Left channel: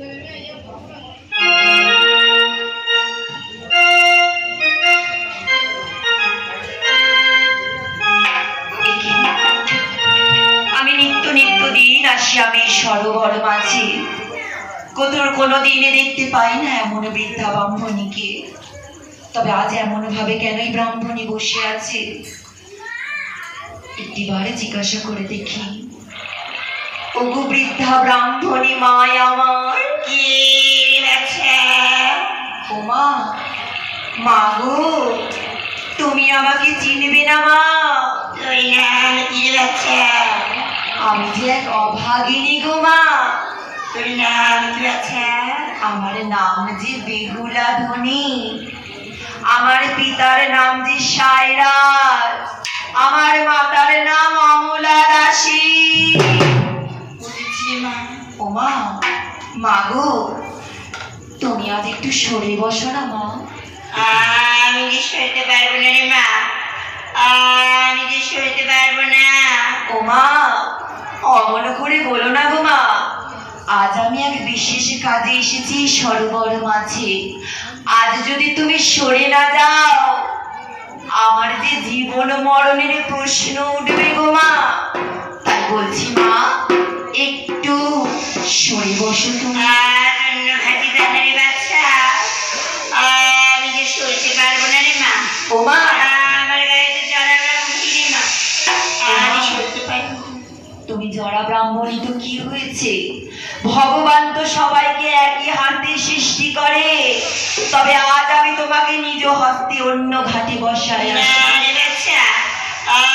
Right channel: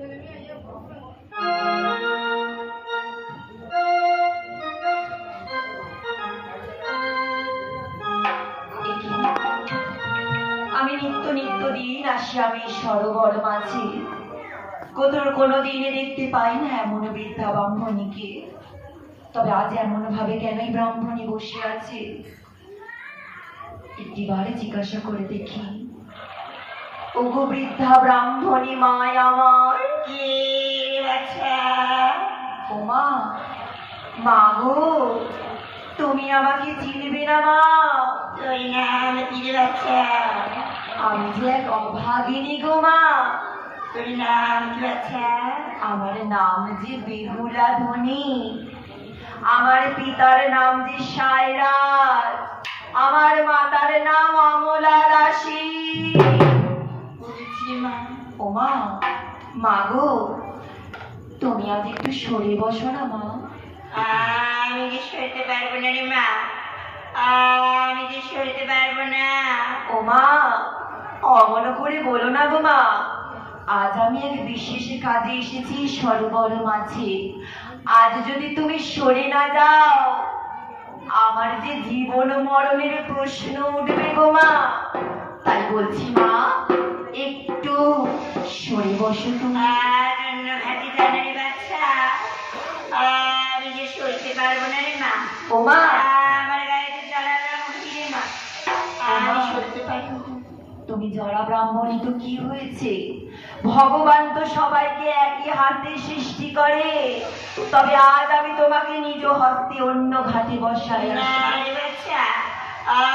আমি নিত্য নিত্য দিন আসি আমি সরোবর মাঝে, কতর কোনো দিনে দেখতে পাই না এমন বৃদ্ধা ব্রাহ্মণীকে। তবে আজ এমন ভাবে কেনই ব্রাহ্মণী বসে আছে, একটিবারে জিজ্ঞাসা করে দেখি। ওগো বৃদ্ধা ব্রাহ্মণী মায় আমার, কি হয়েছে? ও মা, মা গো, তুমি আমাকে চিনবে না মা? তুই নাম কি হয়েছে? আমি যে এক অভাগিনী গো মা। তোর নাম কি হয়েছে? আমার নাম যে বেহুলা ধনী, আমার পিতার নাম যে সায়রাজ, আমার মাতার নাম অমলা দাসী। বুঝেছি মা। ও মা, মা গো, তুমি আজ একটু সরে বসো না মা। আমি যে সইতে পারবো না রে মা, আমি যে সইতে পারবো না। ও মা, অমন করে বলো না গো মা। আজ আমি এক বিশেষ কাজে এসেছি সরোবর মাঝে। আজ যদি তুমি সরে না যাও, আমার যে জীবন মরণের প্রশ্ন উঠবে গো মা। তাই বলছি মা, একটু সরে বসো তুমি। অন্য খাটি দানের বাচ্চা, আমি যে সইতে পারবো না রে মা। ও মা, আমার গায়ে যে জড়াবে মুখি রে মা, আমি সইতে পারবো না। তুমি জরা ব্রাহ্মণী তো কি হয়েছে? ভগবান তো সবাইকে একই হাতে সৃষ্টি করে। তবে আজ আমি তোমাকে নিজ হস্তে অন্য ঘাটে বসাই। না রে বাচ্চা,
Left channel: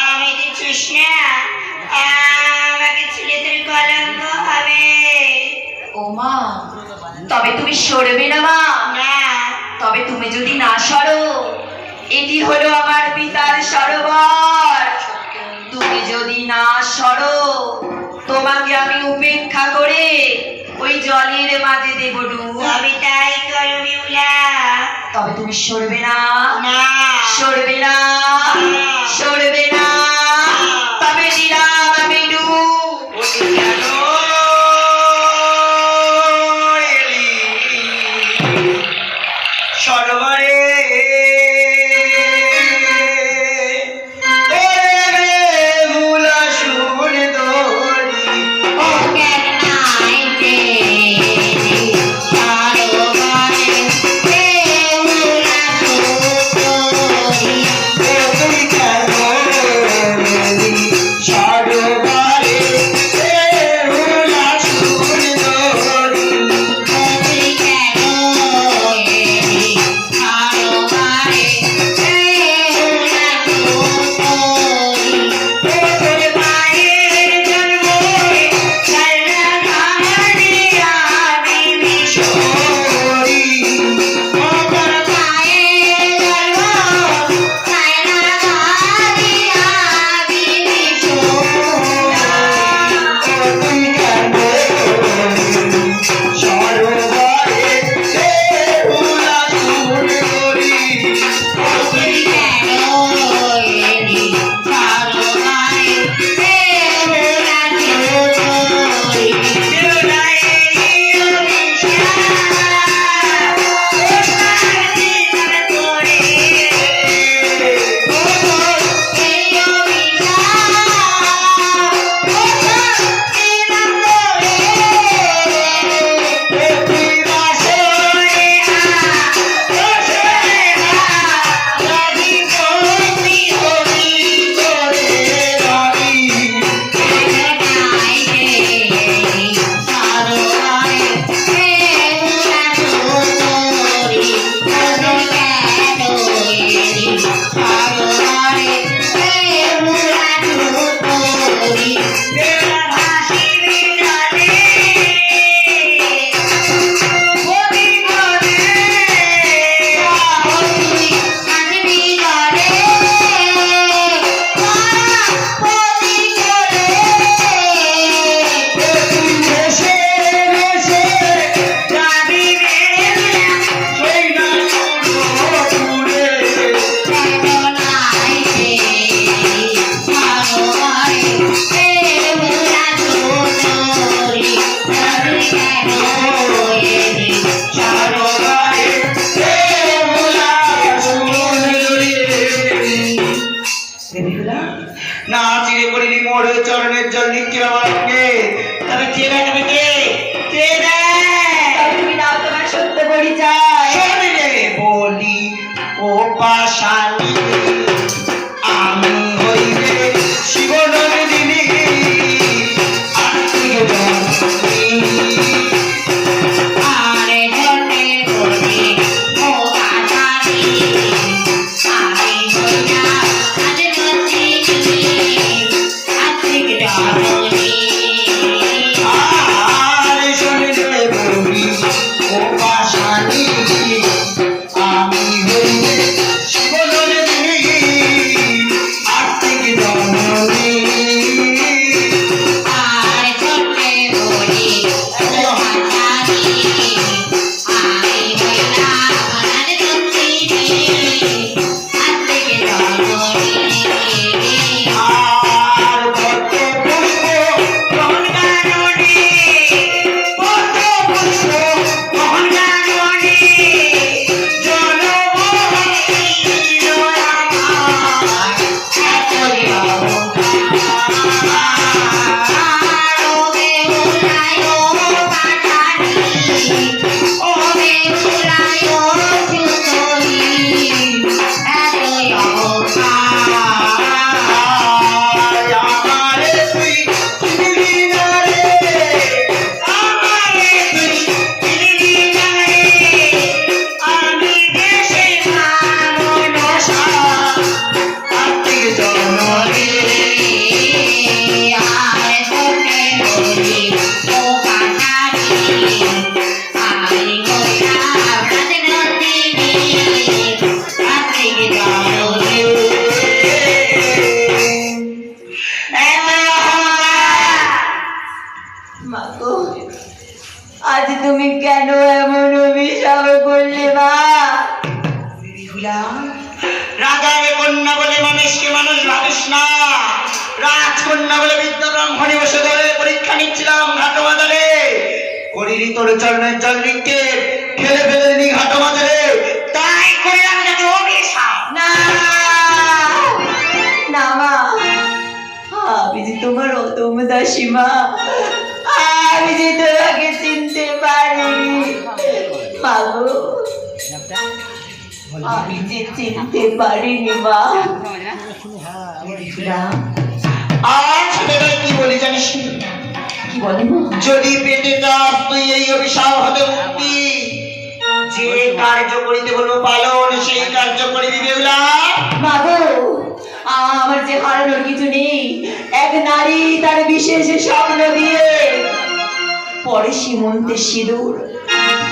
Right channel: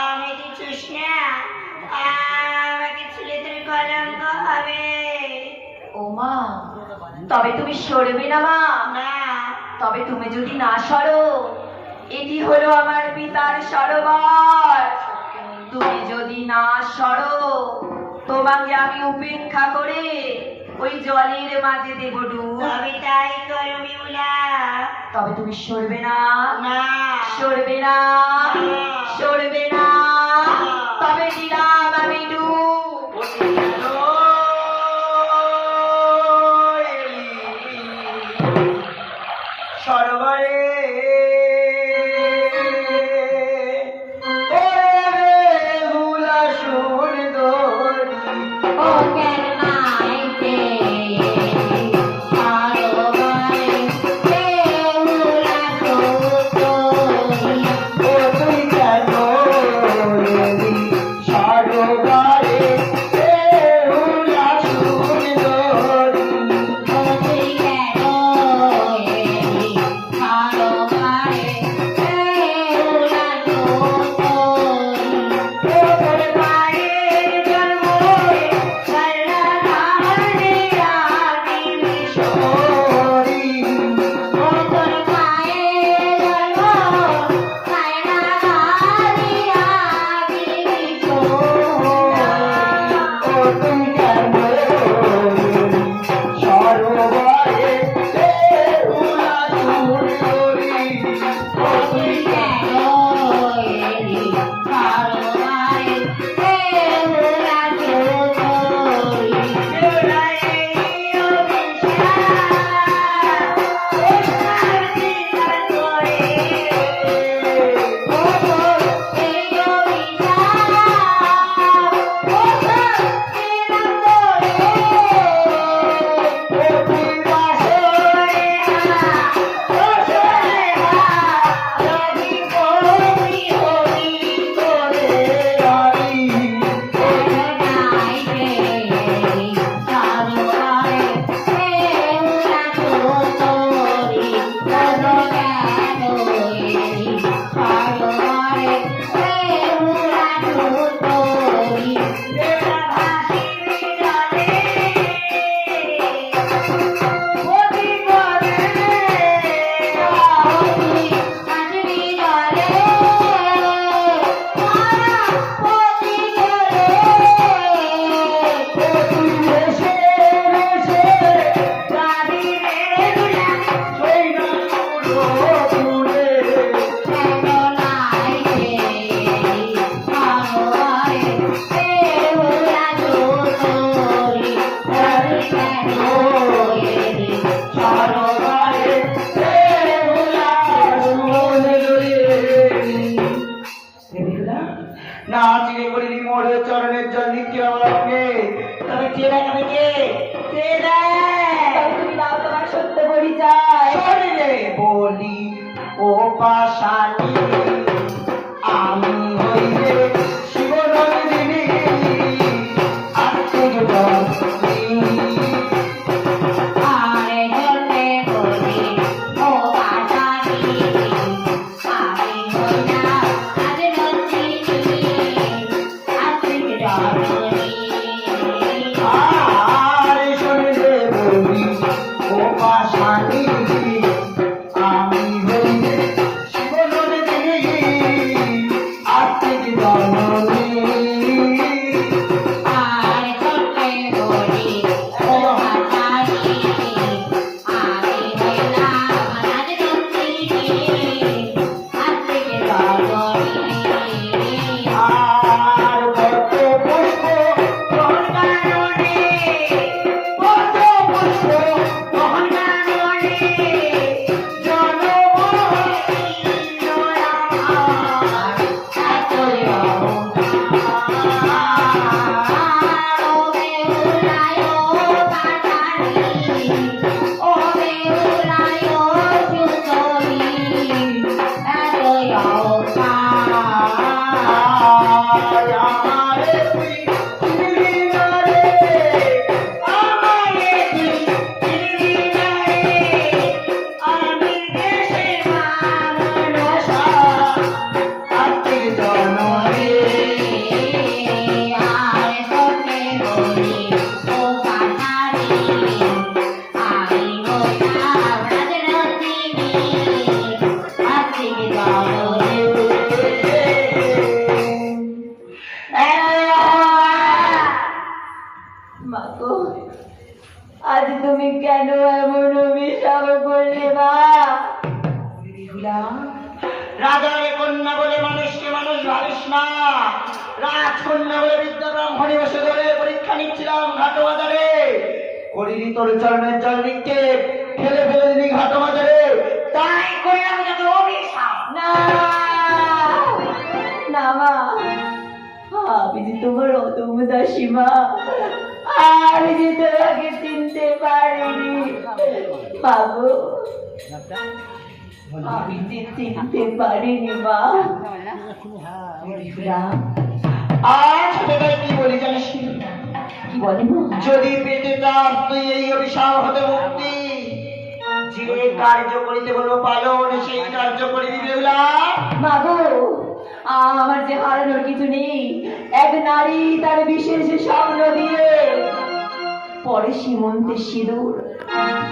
আমি দিচ্ছিস না, আমাকে ছেলে তোর কলঙ্ক হবে। ও মা, তবে তুমি সরবে না মা? না। তবে তুমি যদি না সরো, এটি হলো আমার পিতার সরোবর। তুমি যদি না সরো, তোমাকে আমি উপেক্ষা করে ওই জলের মাঝে দেব ডুব। আমি তাই করবি উলা। তবে তুমি সরবে না? না। সরবে না? সরবে না? তবে দিলাম আমি ডুব। সরোবরে আমি হইলাম রাজনন্দিনী আপনি কি জানেন মাগো, আজ তুমি কেন এমন অভিশাপ করলে মা? বিহুলা, রাজার কন্যা বলে মানুষকে মানুষ ভাবিস না। রাজকন্যা বলে বিদ্যা ব্রাহ্মণে বসে ধরে পরীক্ষা নিচ্ছিলাম ঘাটো বাজারে। করিনি তোর চরণের জল নিক্ষেপ, খেলে ফেলে নি ঘাটো বাজারে। তাই করে আমি তাকে অভিশাপ। না না মা, আমি যে তোমার অদম দাসী মা, আমি যে তোমাকে চিনতে পারিনি মাগো, আমি যে চিনতে পারিনি মা। বিহুলা, আজ তোকে কি বলি জানিস? কি বলে মা? যদি পেতে চাস তুই এই অভিশাপ হতে মুক্তি। যে কার্য করিতে বলবো পালন, সেই কার্য করিবি বিহুলা। মাগো, আমার যে হারানোর কিছু নেই। এক নারী তার বিশেষ স্বপ্ন দিয়ে পরে সীমন্তের সিঁদুর,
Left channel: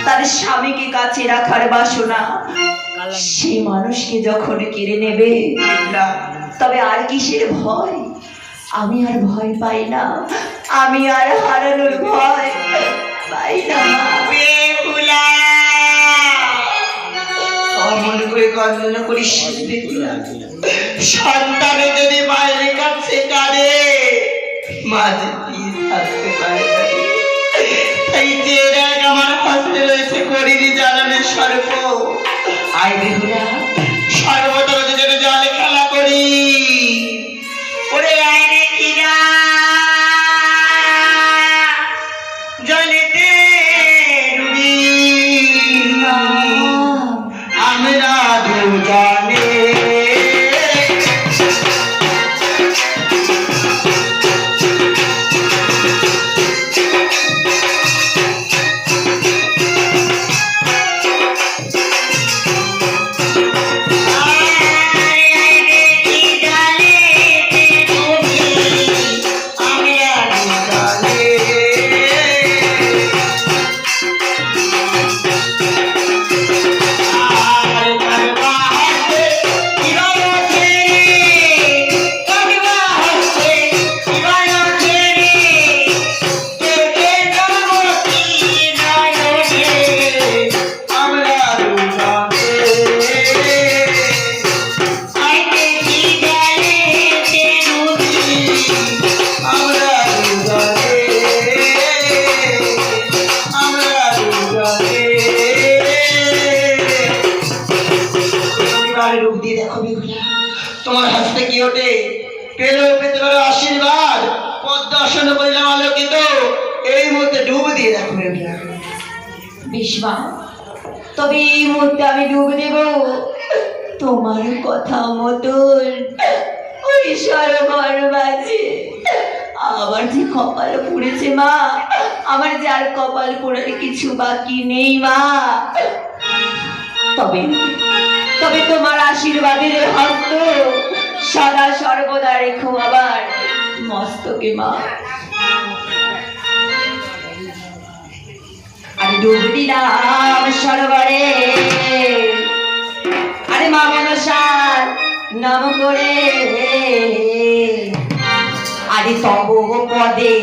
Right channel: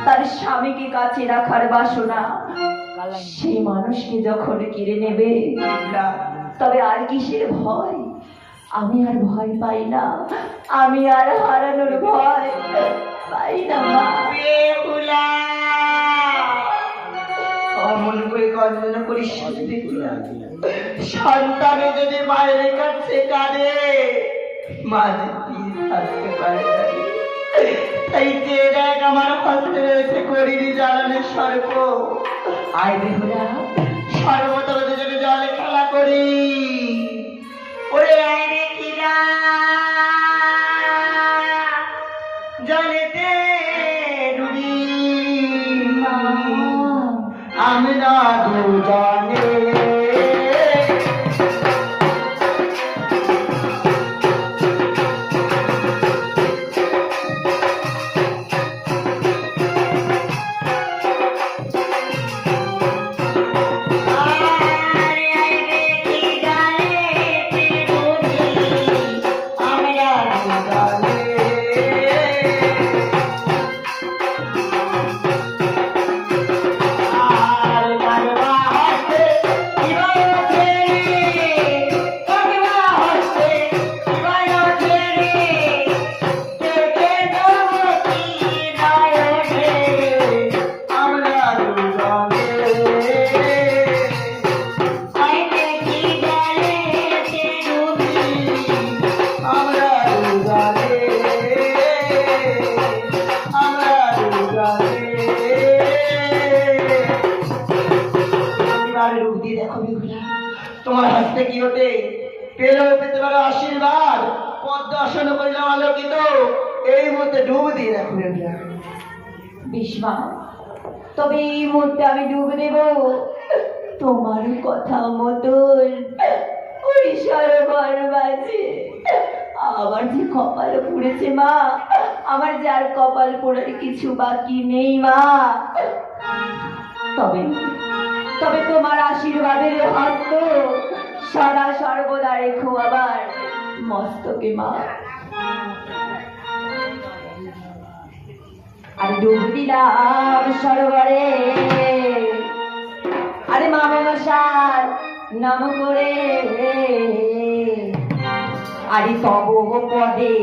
তার স্বামীকে কাছে রাখার বাসনা, সে মানুষকে যখন কেড়ে নেবে, তবে আর কিসের ভয়? আমি আর ভয় পাই না, আমি আর হারানোর ভয় পাই না মা। বিহুলা, অমন করে কান্না করিস না বিহুলা। সন্তানে যদি মায়ের কাছে কাঁদে, মা যে কি থাকতে পারে না। তাই যে দেখ আমার হাতে রয়েছে করিনি জ্বালানের সর্প। আয় বিহুলা, সর্বতর যেন জলে খেলা করি। ওরে আয় রে কিরা, জলেতে ডুবি আমরা দুজনে। তোমার হাসতে কি ওঠে? পেলেও পেতে পারো আশীর্বাদ। পদ্মাসন করিলাম আলোকিত, এই মুহূর্তে ডুব দিয়ে দেখো বিহুলা। বিস্মা, তবে এই মুহূর্তে আমি ডুব দেব তোমার কথা মতন ওই সরোবর মাঝে। আমার যে কপাল পুড়েছে মা, আমার যে আর কপাল পোড়ার কিছু বাকি নেই মা। তবে তবে তোমার আশীর্বাদের হস্ত সদা সর্বদা রেখো আবার মস্তকে মা। আমি ডুব দিলাম সরোবরে, আরে মা মনসার নাম করে, আরে তব পদে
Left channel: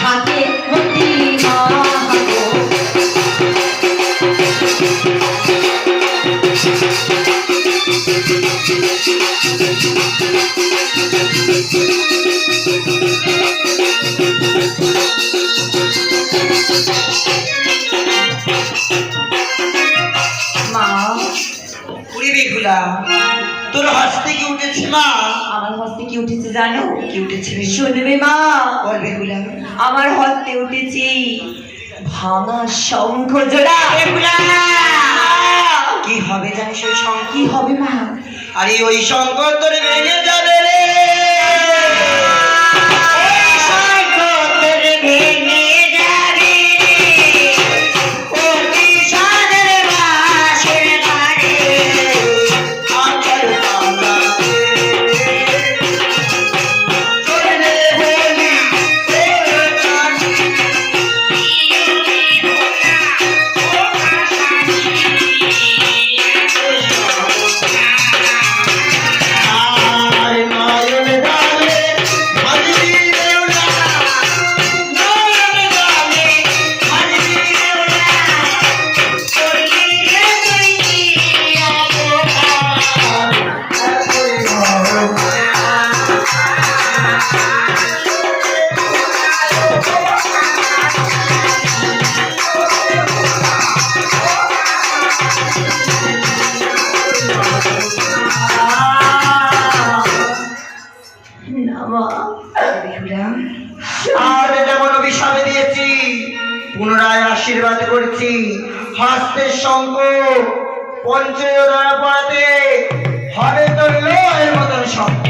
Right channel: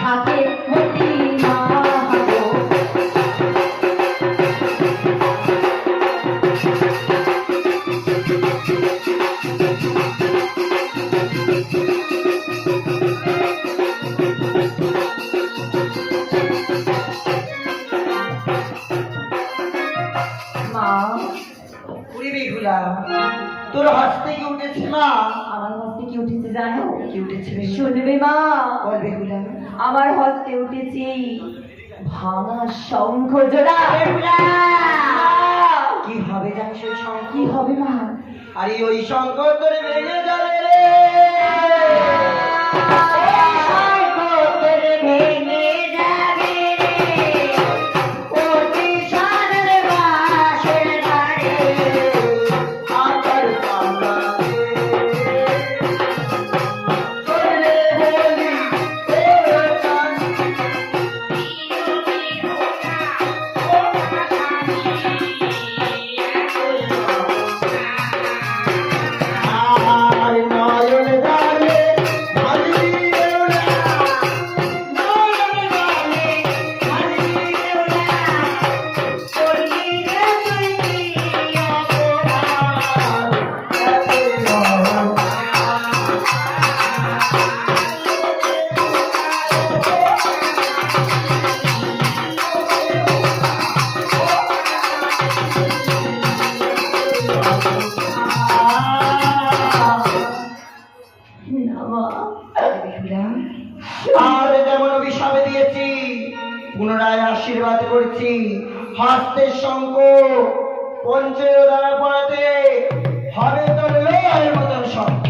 থাকে ভক্তি মা। বিহুলা, তোর হাসতে কি উঠেছে মা? আমার হস্তে কি উঠেছে জানো? কি উঠেছে? শুনবে মা, বল বিহুলা। আমার হস্তে উঠেছে ভাঙা শঙ্খ জোড়া। কি হবে জানিস ওই শঙ্খ? কি হবে মা? আরে ওই শঙ্খ তোর ভেঙে যাবে রে। শঙ্খ তোর ভেঙে যাবে রে। ও কৃষ্ণের বাঁশের বাড়ি আচার পালাতে চলে বলি তোর কাছে। আশীর্বাদ করছি হস্তের শঙ্খ পঞ্চদরা পড়াতে হবে তোর লয়ের মতন শব্দ।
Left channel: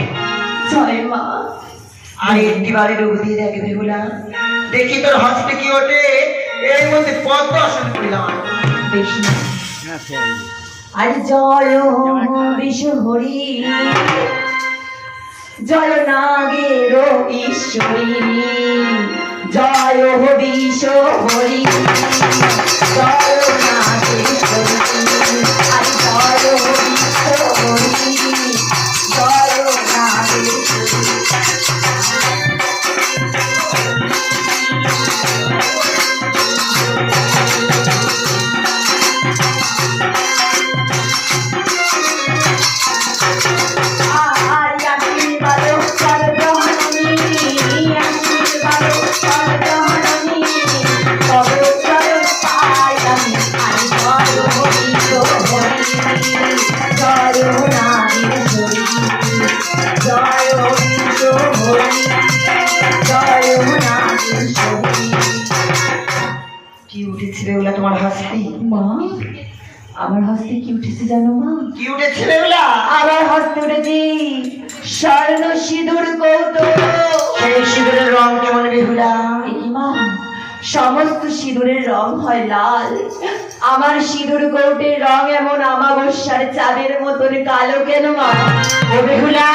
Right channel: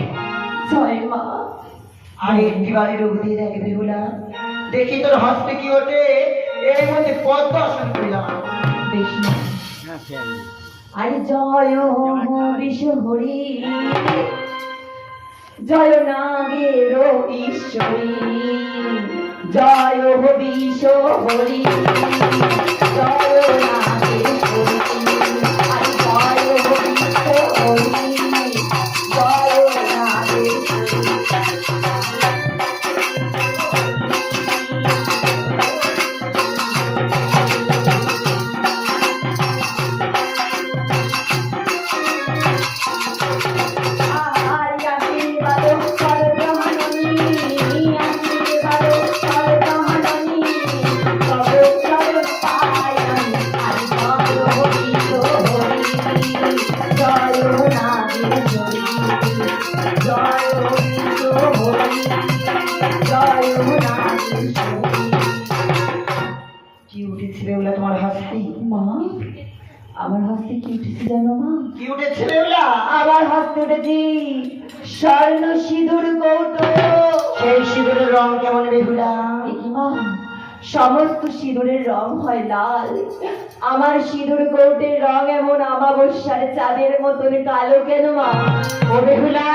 জয় মা। আর একটি বাড়ি ডুব দিয়ে দেখে বেহুলা, দেখি তোর হস্তে কি ওঠে। এর মধ্যে পদ্ম আসন করিলাম। বেশ না। আর জয় বিষ হরি, জয় নাগের ঈশ্বরী, জয় বিষ হরি, জয় নাগেশ্বরী, আর জয় বিষ হরি, জয় নাগেশ্বরী। কি উঠেছে বেহুলা তোমার হস্তে? মা, আমার হস্তে কি উঠেছে জানো মা? কি উঠেছে বেহুলা? আমার হস্তে উঠেছে স্বর্ণ সিঁদুর কৌটো। সেই সিঁদুরের রং কেমন বেহুলা? এ কি মা, সমস্ত সিঁদুরের রং হয় লাল, আমার সিঁদুর কৌটের রং এমন আমাবস্যার চাঁদের মতন কালো কেন মা? ও বেহুলা,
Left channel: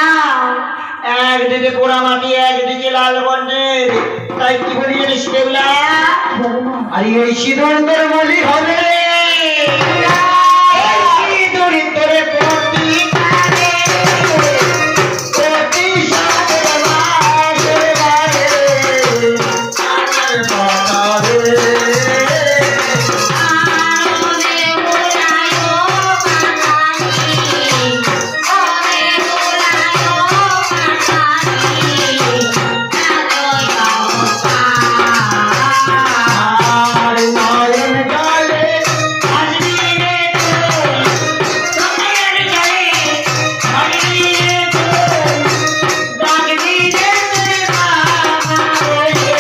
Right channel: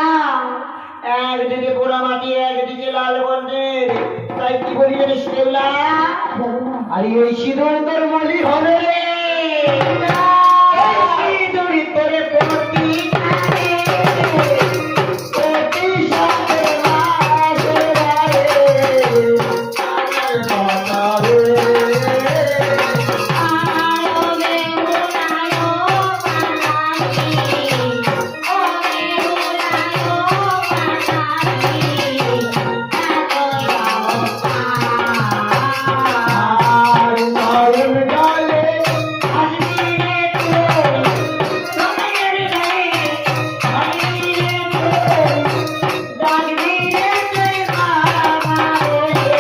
একদিকে পোড়া মাটি একদিকে লাল বর্ণের, তাই কি বলি জানিস বেহুলা? বলো মা। আর এই সিঁদুর তোর মলি হবে রে। এই সিঁদুর তোর কোটি কোটি সাথে মাসে গায়ে আমার বাতারে। আর নয়ন জলে আসবি রে তোর, নয়ন জলে আসবি রে তোর, ডাকবি রে তোর বাবা রে,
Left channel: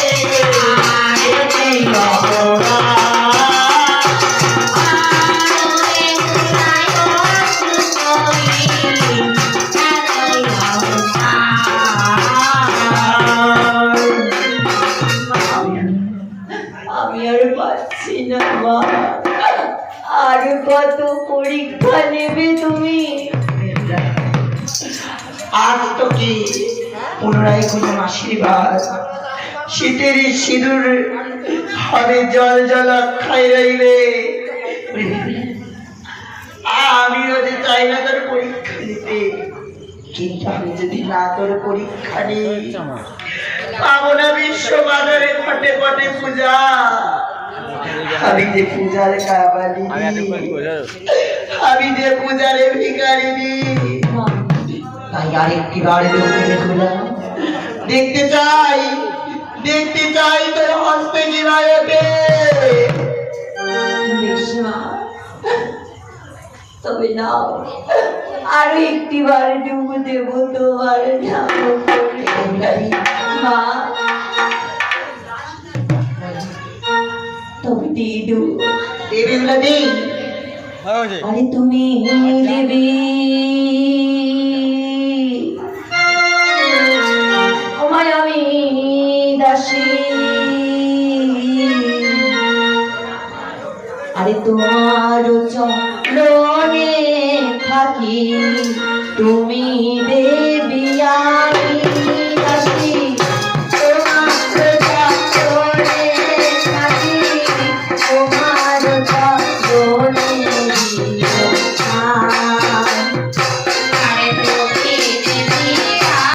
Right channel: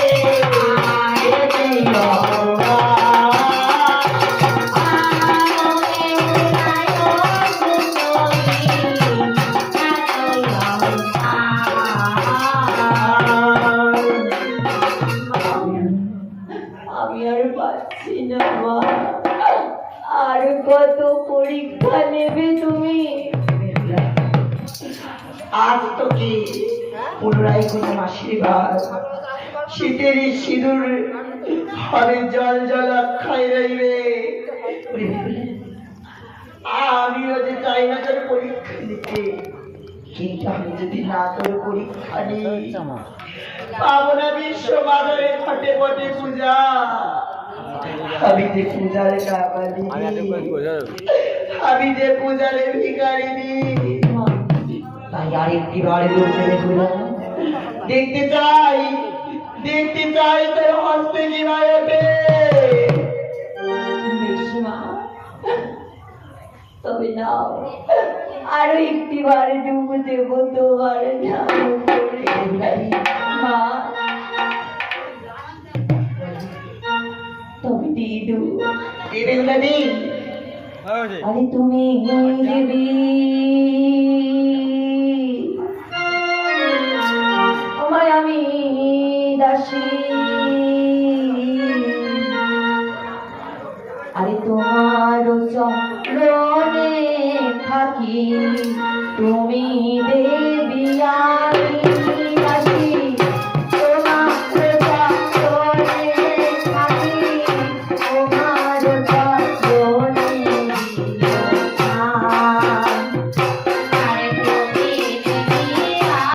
এতেই অপরাধ। আমি আর পাচ্ছি না মা, আর কত পরীক্ষা নেবে তুমি? আজ তো কি পুনরায় কোনো আশীর্বাদ, শীতের সিঁদুর হবে জল জল অক্ষয় রইবে। আমিও যে চাই না তোর পরীক্ষা নিতে, কিন্তু আমি যদি না তোর পরীক্ষা নিই পাবো না বিশ্ব বাজারে ঘটে ঘটে পূজা। আমি যে পূজার কাবালি, আমি যে পূজারে ভিখারিনি। মা, তাই আরেকটি বাড়ি লোকে দেখলাম, দেখতে চাই তোর হস্তে জীবায় ওঠে। বেশ মা, তবে নাও আরো একটি বার ডুব দেব তোমার নাম করে। মা, তবে দিদু, দেবে বলে নেই। আরে তুমি দেবী, আমায় আমি দাসী, আরে তোমার চরণে থাকি, তুমি দেবী।